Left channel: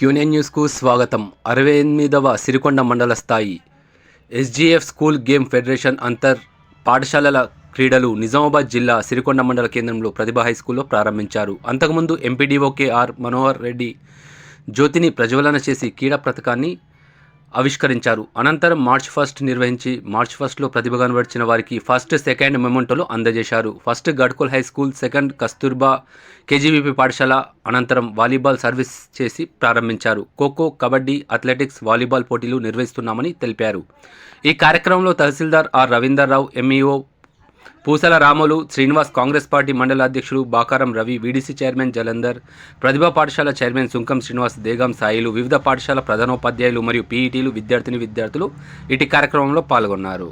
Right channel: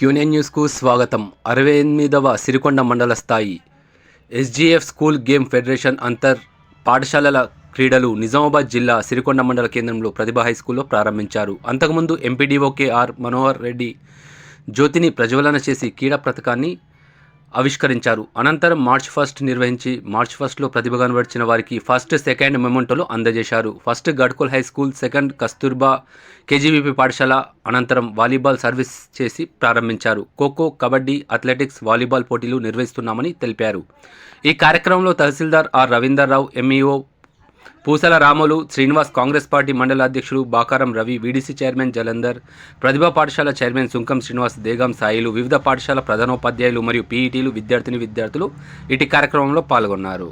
క్యూనియన్ న్యూస్కు స్వాగతం. అరవై ఎనిమిదవ సిరికొండ మండల స్థాయి ఎస్జీఎఫ్ స్కూల్ గేమ్ ఫెడరేషన్ అంతర్ పాఠశాలల క్రీడలు నిజామాబాద్ జిల్లా సిరికొండ మండల కేంద్రంలో ప్రతిభ హై స్కూల్లో ప్రారంభించారు. అంతకుముందు ఎంపీడీఓకే ఆర్ మనోహర్ రెడ్డి జ్యోతిని ప్రజ్వలన చేసి క్రీడా పథకాన్ని ఆవిష్కరించారు. అనంతరం మార్చ్ ఫస్ట్ నిర్వహించి మార్చ్ ఫస్ట్లో ప్రతిభ కనబర్చిన వారికి ఫస్ట్ సెకండ్ మెమెంటోలు అందజేశారు. First Gadkol high school second Kasturba KGVP పాఠశాల అనంతరం వాలీబాల్ సర్వీస్ చేసి ప్రారంభించారు. ఖోఖో కబడ్డీ అథ్లెటిక్స్ వాలీబాల్ పోటీలు నిర్వహిస్తున్నామని తెలిపారు. ఈ కార్యక్రమంలో తహసీల్దార్ R Ravinder Rao MEO Poosala Ramulu Srinivas Congress party మండల అధ్యక్షుడు బాకారం రవి వీడీసీ చైర్మన్ జలంధర్ ప్రతిభా పాఠశాల చైర్మన్ సుంకం శ్రీనివాస్ దేగం సాయిలు వివిధ పాఠశాల ప్రధానోపాధ్యాయులు మరియు పీఈటీలు విద్యార్థిని విద్యార్థులు ఇటు కార్యక్రమంలో పాల్గొన్నారు.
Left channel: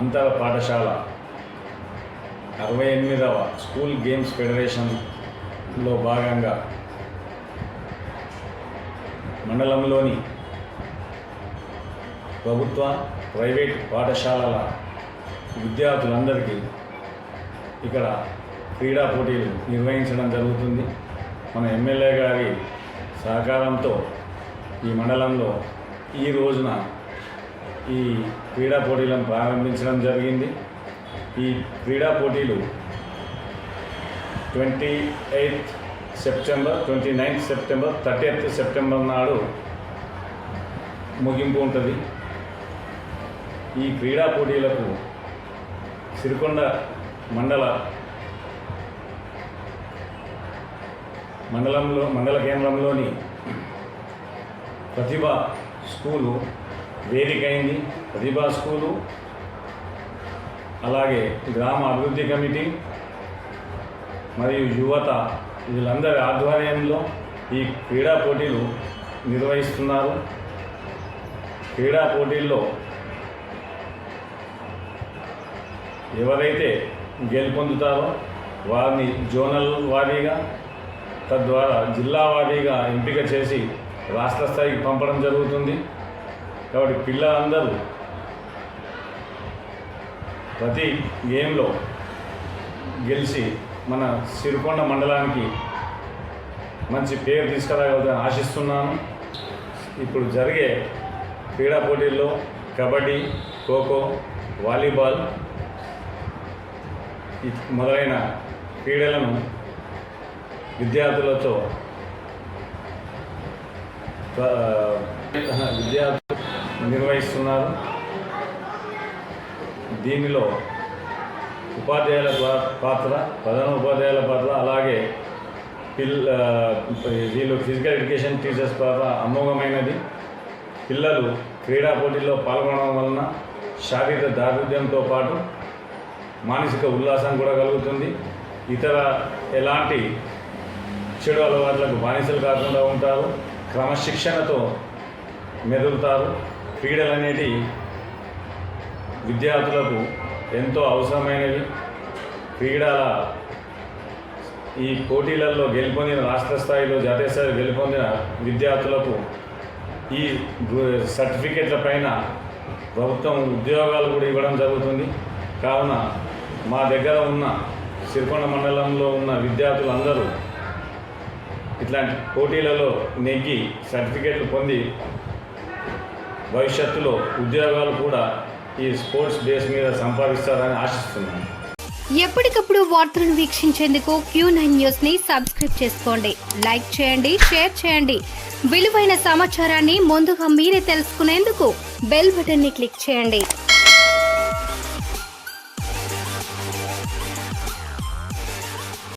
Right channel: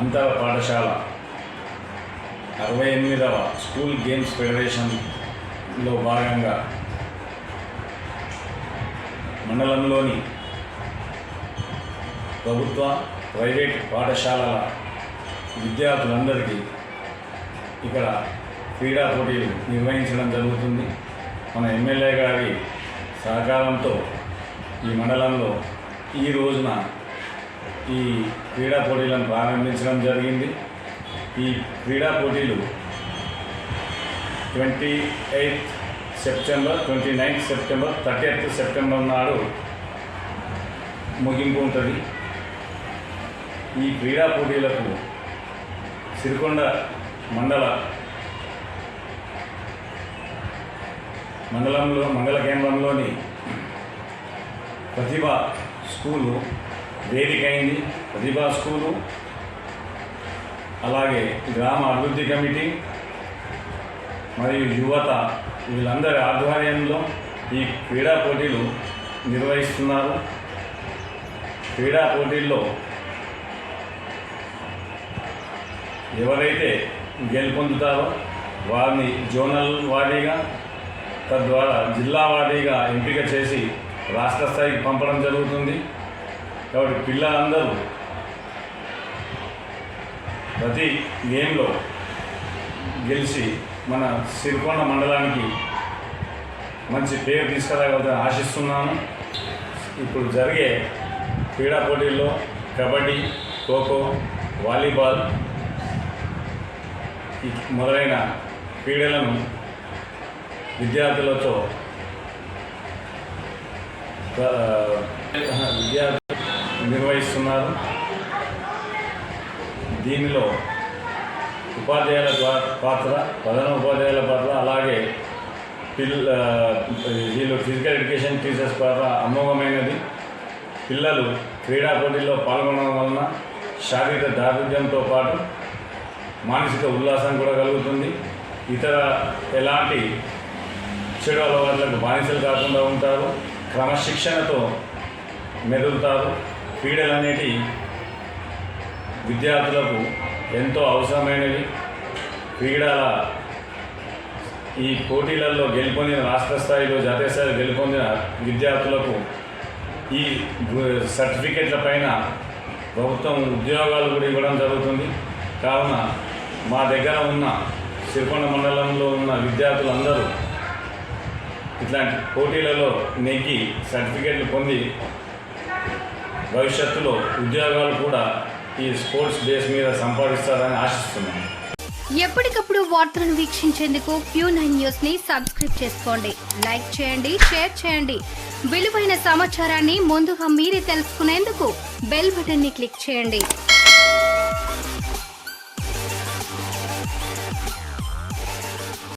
అంతర పాఠశాల అరవై ఎనిమిదవ స్కూల్ గేమ్స్ ఫెడరేషన్లో భాగంగా మండలంలోని ప్రభుత్వ ప్రైవేట్ పాఠశాలల విద్యార్థులందరికీ ఇక్కడ క్రీడా పోటీలు నిర్వహించడం జరుగుతుంది. మన ఎమ్మెల్యే గారి సహకారంతో ఈ మండలంలో ఈ రోజున ఈ క్రీడా పోటీలను ప్రారంభించడం జరిగింది. ఈ క్రీడా పోటీలు twenty eighth September twenty ninth September thirty September నాడు ముగింపు ఉంటుంది. ఈ క్రీడా పోటీలకు సిరికొండ మండల మండలంలో మండల కేంద్రంలోని ప్రతిభ స్కూలు వేదికైంది ప్రతిభా స్కూలు అలాగే గ్రామ అభివృద్ధి కమిటీ మరియు యువత వీళ్ళందరి ఆధ్వర్యంలో ఈ క్రీడా పోటీలు నిర్వహిస్తున్నారు. క్రీడా పోటీల్లో ఎవరైతే గెలుపొందుతారో వారిని జోనల్ వారీగా తద్వారా జిల్లా వారీగా ఎంపిక చేసి రాష్ట్ర స్థాయికి పంపడం జరుగుతుంది. కాబట్టి పిల్లలందరూ ప్రతి గేమ్లో గెలిచి మన సిరికొండ మండలానికి మంచి పేరు తీసుకురాగలని ఆశిస్తున్నాను. ఇప్పుడు జరిగే క్రీడా పోటీల్లో కబడ్డీ ఖోఖో వాలీబాల్ మొదలైన క్రీడలను విద్యార్థులతో విద్యార్థి విద్యార్థులు నిర్వహిస్తున్నారు. దీనిలో ఉపాధ్యాయుల పా- పాత్ర ప్రధాన ఉపాధ్యాయుల పాత్ర అలాగే పిల్ల వీళ్ళు ఫిజికల్ ఎడ్యుకేషన్ టీచర్స్ పాత్ర అమోఘమైనది. పిల్లలు క్రీడా పోటీల్లో పాల్గొనడం వలన శారీరక దారుఢ్యంతో పాటు మానసిక ఉల్లాసం కూడా కలుగుతుంది. ఇతర ఎలాంటి చెడు అలవాట్లకు బానిసలు కాకుండా ఉంటారు. క్రమశిక్షణతో మెదులుతారు. క్రీడలు అనేటివి విద్యార్థులకు ఎంతో అవసరమైనవి. క్రీడల ఈ పోటీలలో గెలుపొందిన రాష్ట్ర స్థాయిలో జాతీయ స్థాయిలో గెలుపొందిన విద్యార్థులకు ఈ సర్టిఫికెట్ల పైన ప్రభుత్వం ఉద్యోగాలు కూడా ఇవ్వడం జరుగుతుంది. కావున మా దగ్గర ఉన్న సిరికొండ మండలంలో ఉన్న విద్యార్థులందరూ ఇట్లాంటి పోటీలలో నెగ్గి సర్టిఫికెట్లు పొంది భవిష్యత్తులో ఉద్యోగాలు కూడా ఈ స్పోర్ట్స్ బేస్ మీద సంపాదిస్తారని ఆశిస్తున్నాను. ఎప్పటికప్పుడు వార్తలను వీక్షించేందుకు క్యూ నైన్ న్యూస్ని సబ్స్క్రైబ్ చేసుకోండి. లైక్ చేయండి షేర్ చేయండి. విలువైన సమాచారాన్ని ముందుగా మీరే తెలుసుకునేందుకు బెల్ బటన్ని క్లిక్ చేయండి.